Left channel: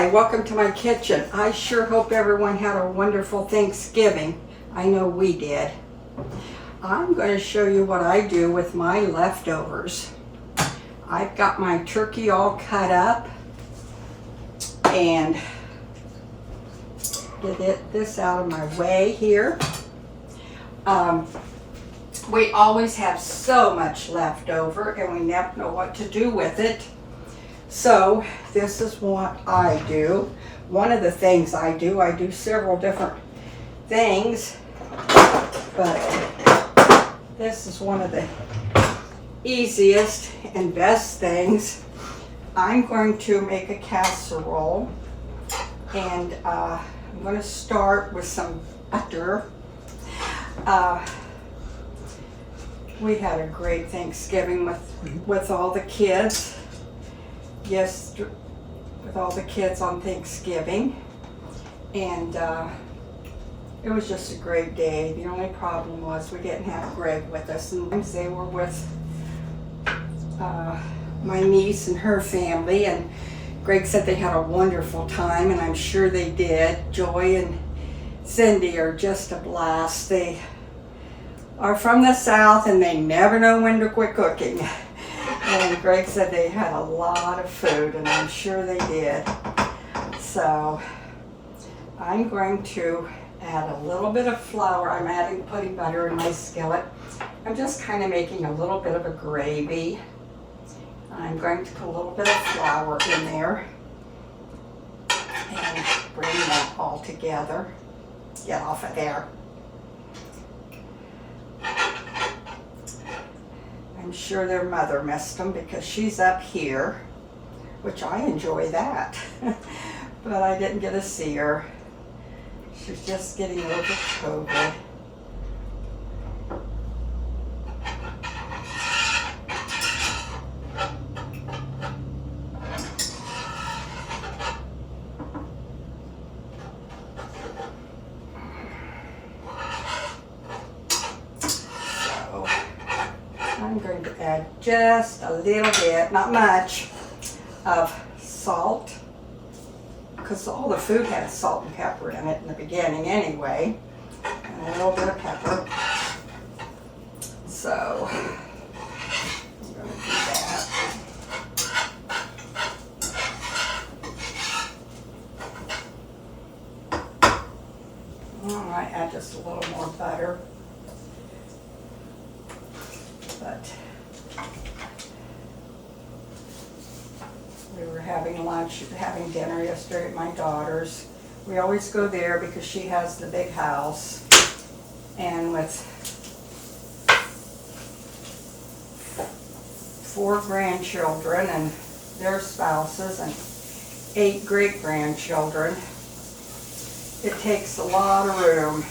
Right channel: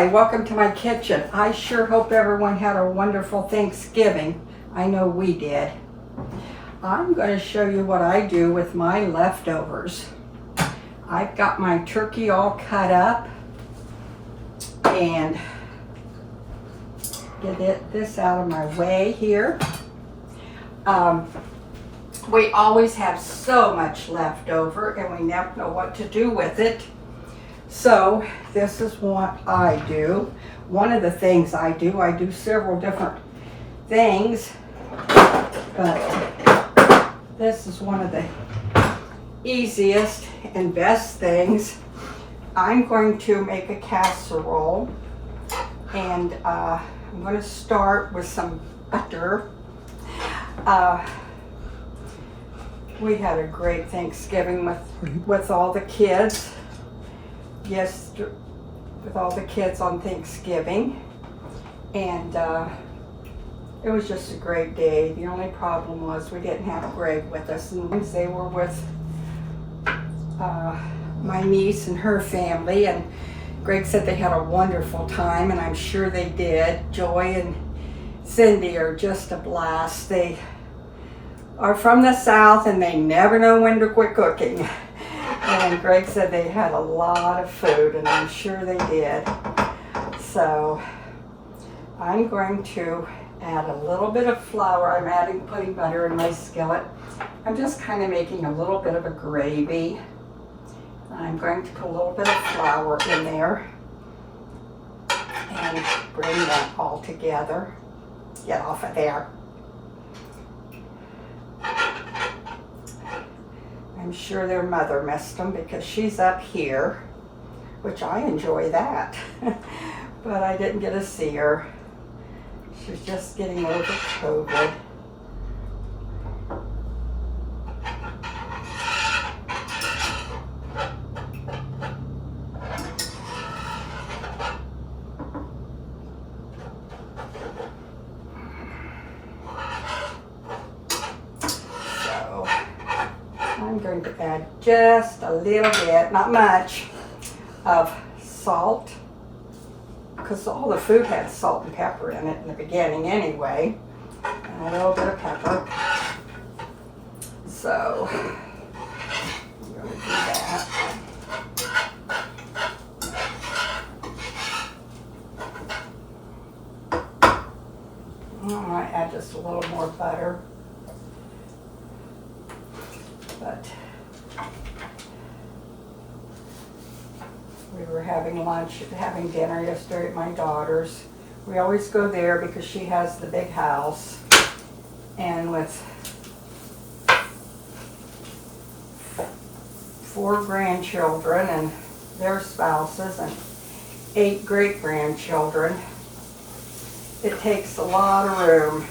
Hi, welcome to my kitchen. I sure hope everyone had a wonderful Thanksgiving. I know we did. I'm going to show you what I do with my leftovers. I've got my turkey all cut up and get this out of my way here. We always have so much left over and we never know what to do with it. So this is what I do. One of the things I do several different things, but this is one of the easiest and best things. I'm going to make a casserole, and I'm going to start with some butter. We had a great Thanksgiving with all the kids. Yes, with all the kids on Thanksgiving, and it was just a great day. The only problem was we didn't have Greg with us, and they were with my niece and her family, and Greg said they had a wonderful time, and I'm sure they did. Joy and Cindy are just a blast. They are from the South, and they never know when to quit cooking. And Greg said they had a lot of food, and I'm sure they did. So I'm going to add a little bit of flour. I'm putting butter in my skillet. I'm just kind of making a little bit of a gravy. I'm going to put a little bit of flour in there and bring that all together. Get off of there. I'm sure their mother missed them because she's up here, which I enjoy that. But I didn't get to see her. She was just getting over COVID. I'm going to add just a little bit, not much, of salt, because all the food had salt and pepper in it in the beginning anyway, and a little bit of pepper. So I'm going to do that. I might add just a little more butter. But we were having dinner yesterday at my daughter's. We always go there because she has the big house, and with 4 grandchildren and their spouses and 8 great-grandchildren, it takes a lot of room.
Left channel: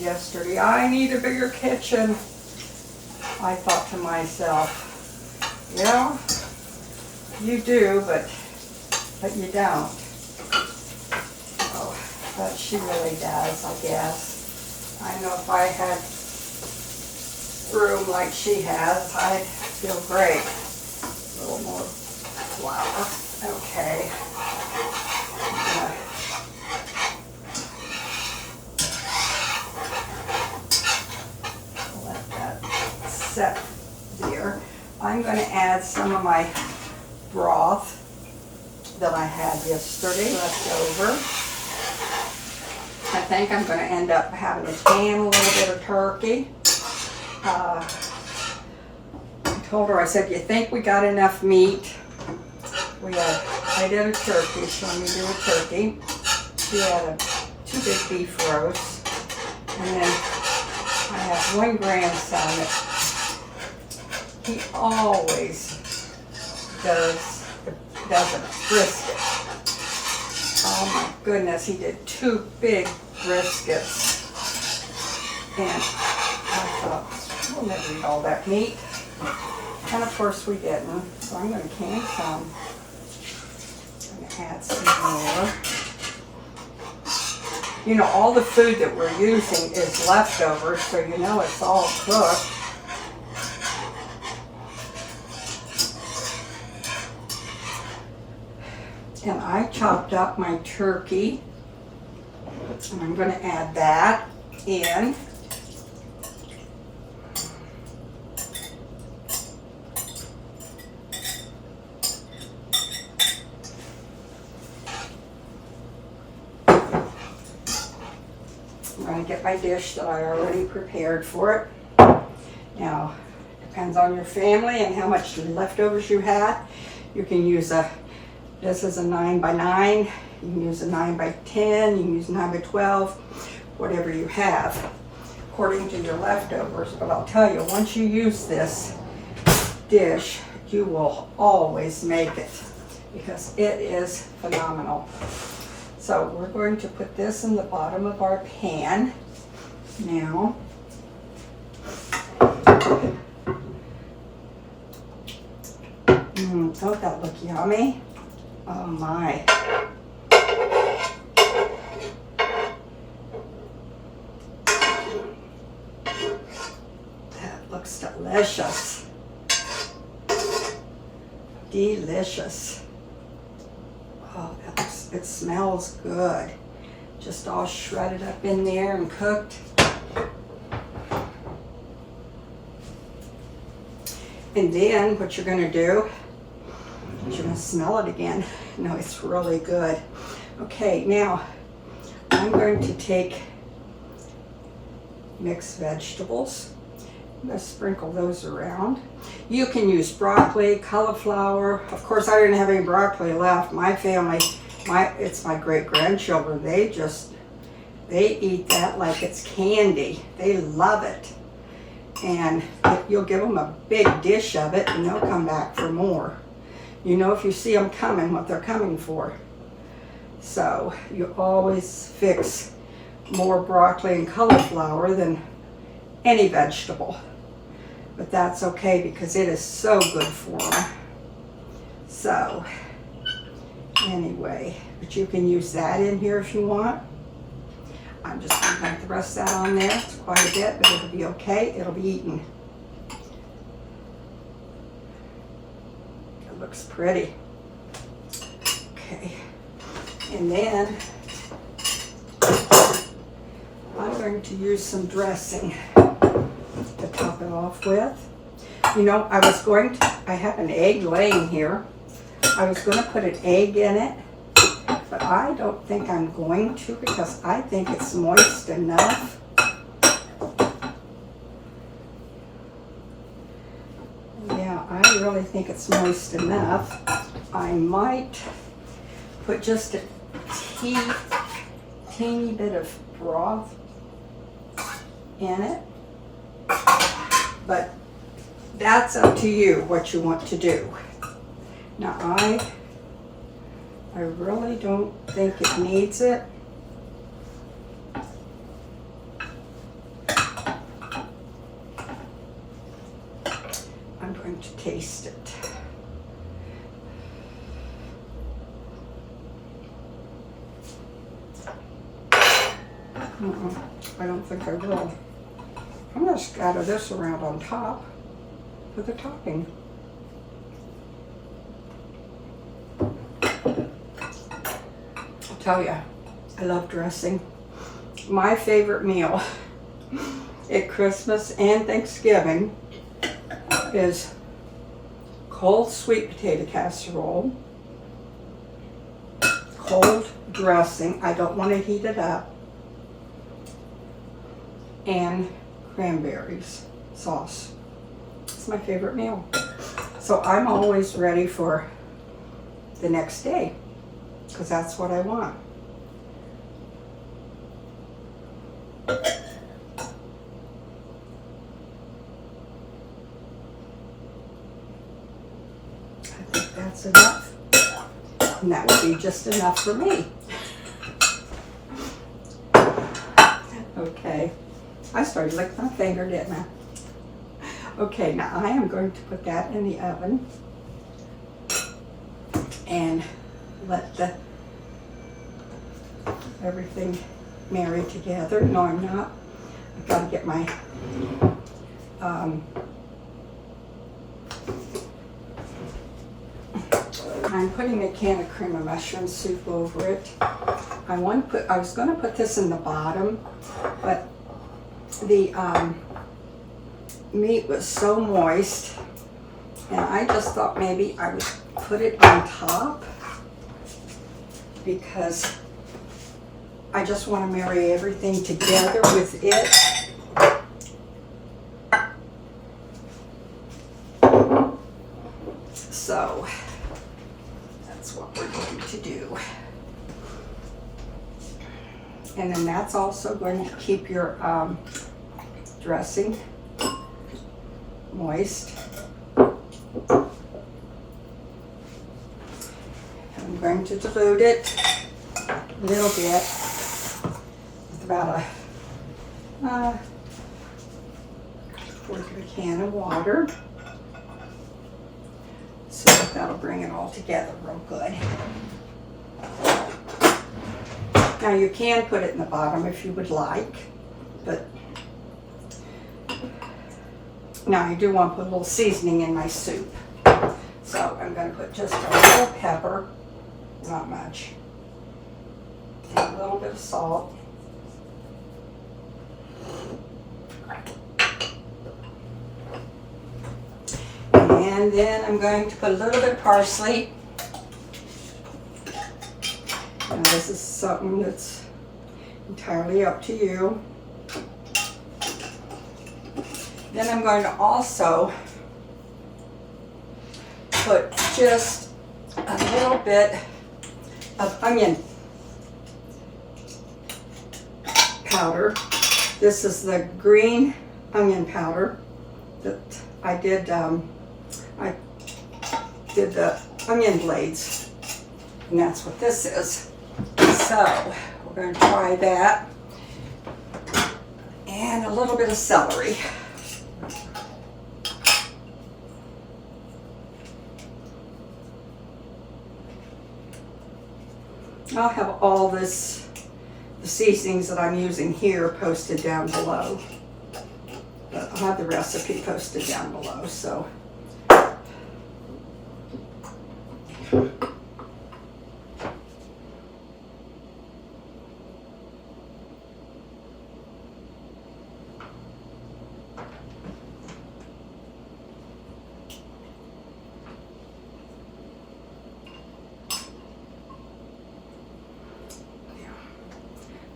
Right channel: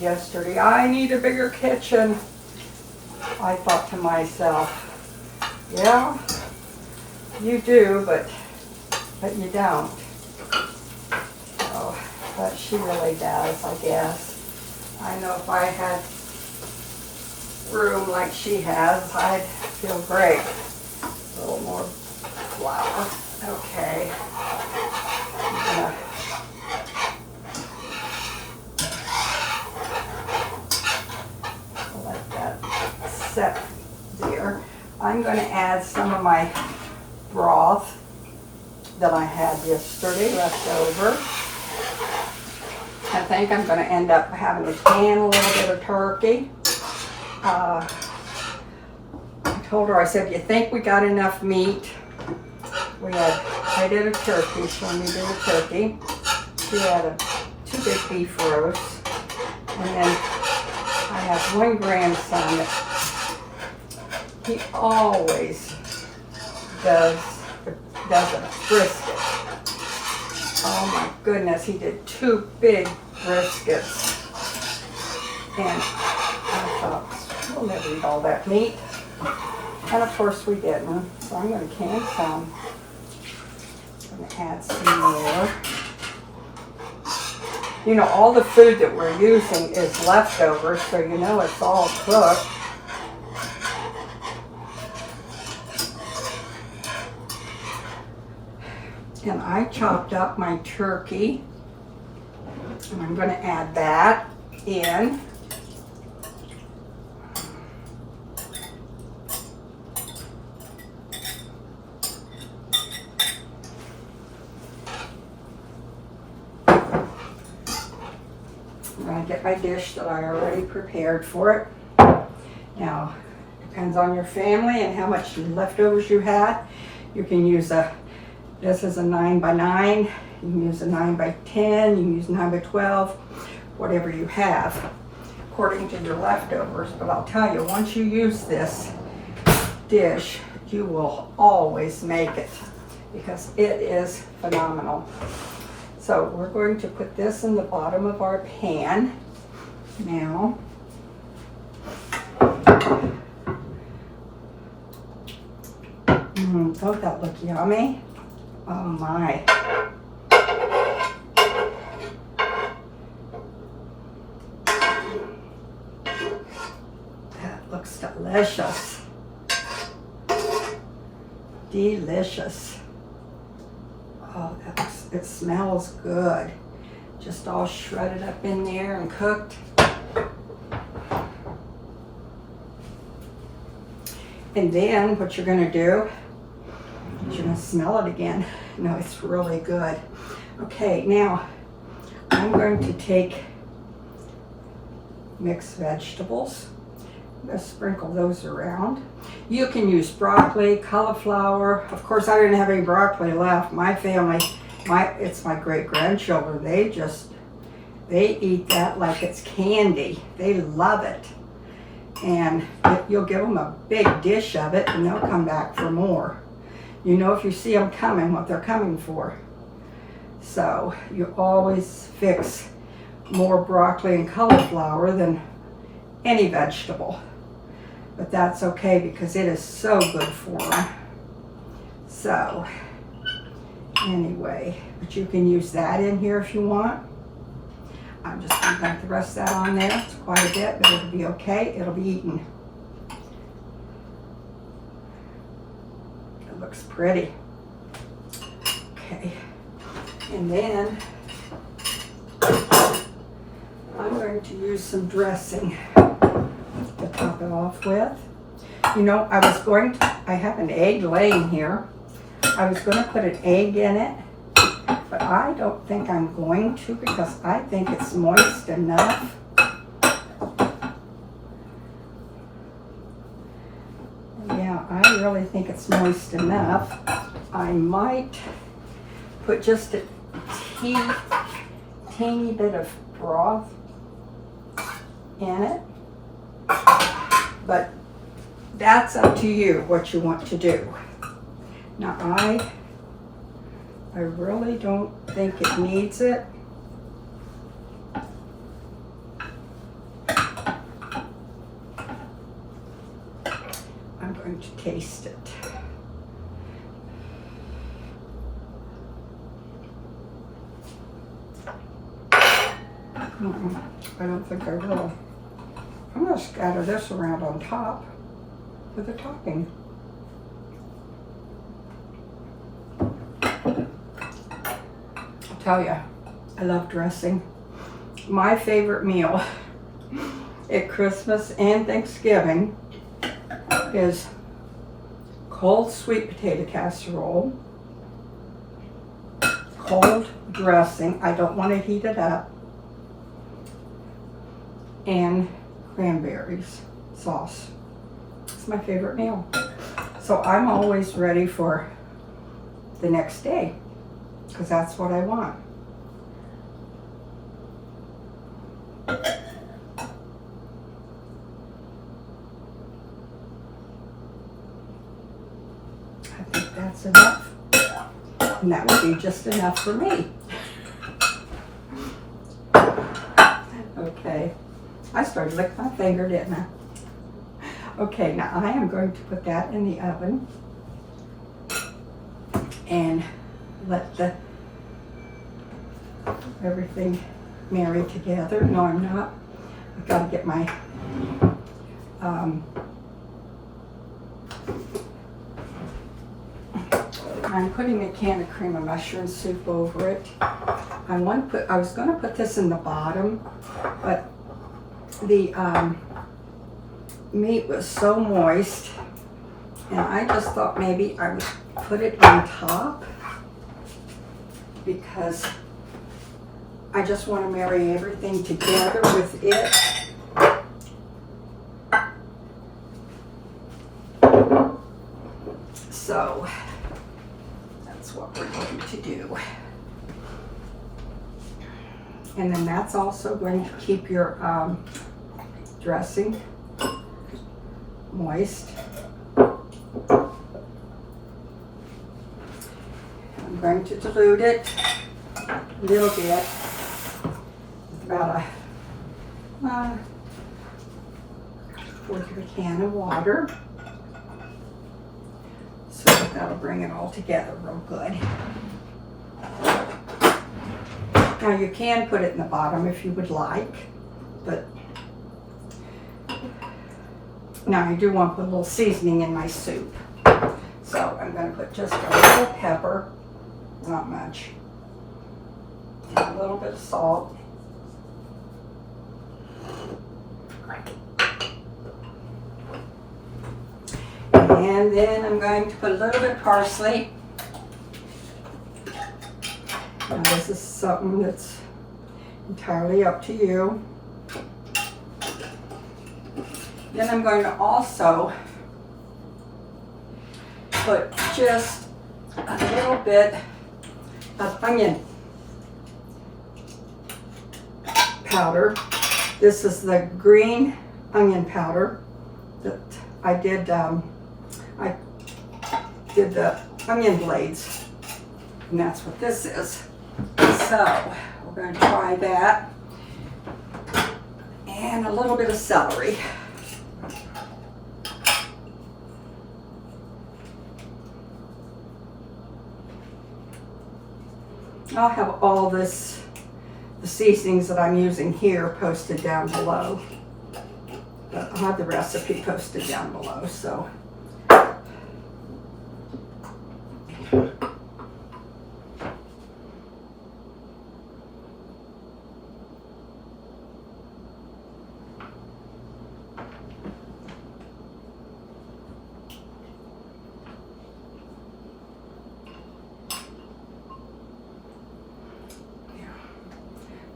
Yesterday, I need a bigger kitchen. I thought to myself, yeah, you do, but you don't. Oh, but she really does, I guess. I know if I had room like she has, I'd feel great. A little more flour. Okay. Set there. I'm going to add some of my broth that I had yesterday left over. I think I'm going to end up having to can a little bit of turkey. I told her, I said, you think we got enough meat? I did a turkey, so I'm going to do a turkey. She had 2 big beef roasts. And then I have one grandson that he always does a brisket. Oh my goodness, he did 2 big briskets. And I thought, we'll never eat all that meat. And of course we didn't. So I'm going to can some. I'm going to add some more. you know, all the food that we're using is leftovers, so you know it's all cooked. And I chopped up my turkey, and I'm going to add that in. I'm going to get my dish that I already prepared for it. Now, depends on your family and how much leftovers you had. You can use this is a 9 by 9. You can use a 9 by 10. You can use 9 by 12, whatever you have, according to your leftovers. But I'll tell you, once you use this dish, you will always make it because it is phenomenal. So we're going to put this in the bottom of our pan now. Don't that look yummy? Oh my. That looks delicious. Delicious. Oh, it smells good. Just all shredded up in there and cooked. And then what you're going to do is you're going to smell it again. No, it's really good. Okay, now I'm going to take mixed vegetables. I'm going to sprinkle those around. You can use broccoli, cauliflower. Of course, I didn't have any broccoli left. My family, it's my great-grandchildren. They eat that like it's candy. They love it. And you'll give them a big dish of it and they'll come back for more. You know, if you see them coming, what they're coming for. So you always fix more broccoli and cauliflower than any vegetable. But that's okay because it is so good for them. So anyway, but you can use that in here if you want. I'm just going to dump the rest of that on there. It's quite a bit, but it'll be okay. It'll be eaten. It looks pretty. Okay. And then I'm going to use some dressing to top it off with. You know, I have an egg laying here. I was going to put an egg in it, but I don't think I'm going to because I think it's moist enough. Yeah, I really think it's moist enough. I might put just a teeny bit of broth in it, but that's up to you what you want to do. Now I really don't think it needs it. I'm going to taste it. I don't think I will. I'm going to scatter this around on top with the topping. I'll tell you, I love dressing. My favorite meal at Christmas and Thanksgiving is cold sweet potato casserole, cold dressing. I don't want to heat it up. And cranberries sauce. It's my favorite meal. So I'm always ready for the next day because that's what I want. I think that's enough. And that would be just enough for me. Okay. I started licking my finger, didn't I? Okay, now I am going to put that in the oven and let everything marry together. No, I'm not. I've got to get my I'm putting a can of cream of mushroom soup over it. I was going to put this in the bottom, but the meat was so moist, and I just thought maybe I would put it on top because I just want to marry everything together with it. So that's what we're going to do. And then that's also going to keep your dressing moist. I'm going to dilute it a little bit with about a quarter of a can of water. So that'll bring it all together real good. Now you can put it in the bottom if you would like, but now I do want to put a little seasoning in my soup. So I'm going to put just a little pepper, not much, and a little bit of salt. And then I'm going to put a little bit of parsley. Now this is something that's entirely up to you. Then I'm going to also put just a little bit of onion powder. This is the green onion powder that I did the onion blades, and that's what this is. So we're going to try that, and a little bit of celery. I'll have all the seasonings that I'm using here posted down below. But I'll have the recipe posted down below, so.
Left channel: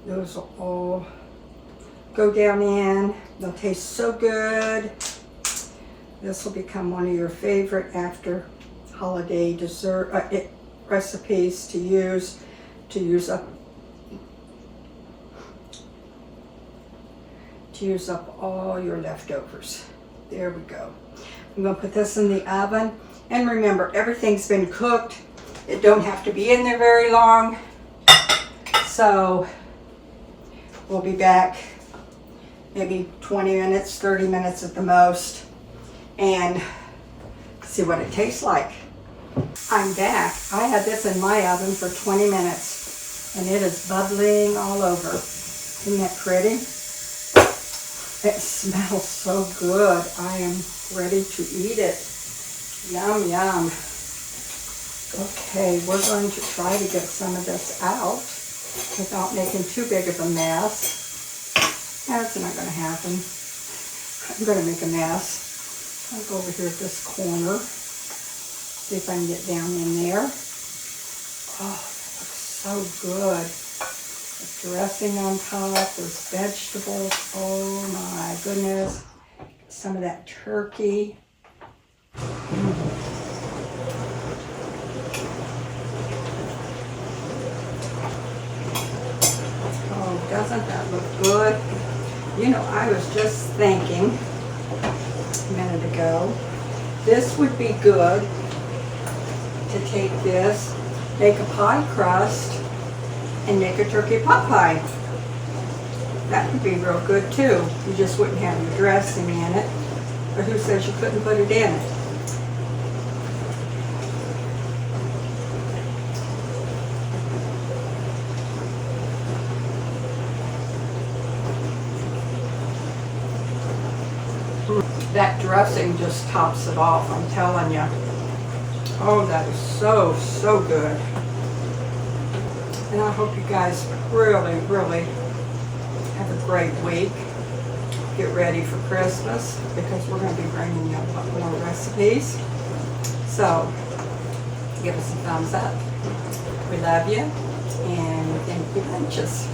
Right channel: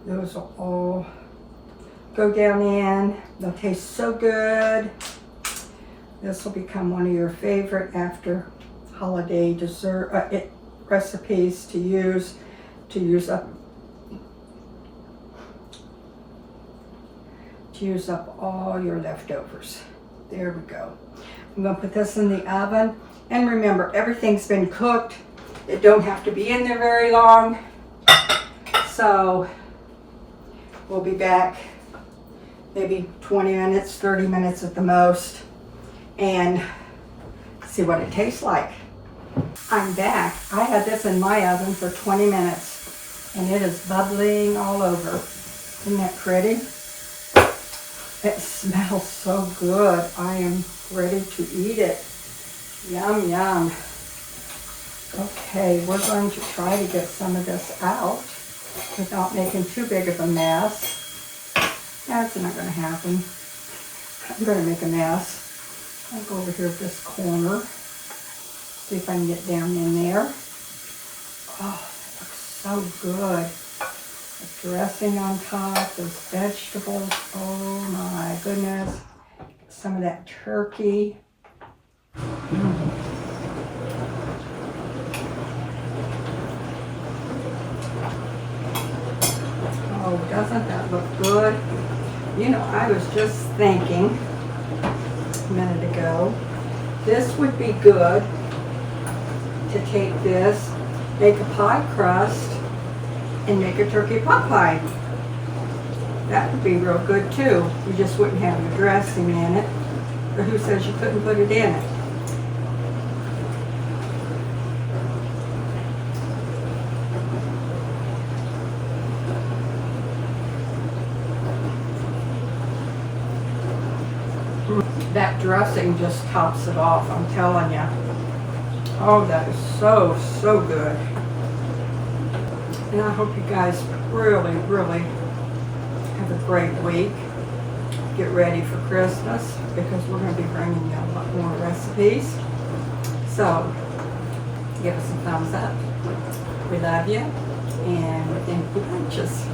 Those will all go down in. They'll taste so good. This will become one of your favorite after holiday dessert recipes to use up all your leftovers. There we go. I'm going to put this in the oven, and remember, everything's been cooked. It don't have to be in there very long. So we'll be back maybe 20 minutes, 30 minutes at the most, and see what it tastes like. I'm back. I had this in my oven for 20 minutes, and it is bubbling all over. Isn't that pretty? It smells so good. I am ready to eat it. Yum, yum. Okay, we're going to try to get some of this out without making too big of a mess. That's not going to happen. I'm going to make a mess. I'll go over here at this corner. See if I can get down in there. Oh, that looks so good. The dressing on top, those vegetables. Oh my goodness. Some of that turkey. Oh, doesn't that look good? You know, I was just thinking a minute ago, this would be good to take this, make a pie crust, and make a turkey pot pie. That would be real good too. You just wouldn't have your dressing in it. But who says you couldn't put it in it? that dressing just tops it off, I'm telling you. Oh, that is so, so good. And I hope you guys really, really have a great week. Get ready for Christmas because we're going to be bringing you a lot more recipes. So, give us a thumbs up. We love you, and thank you bunches.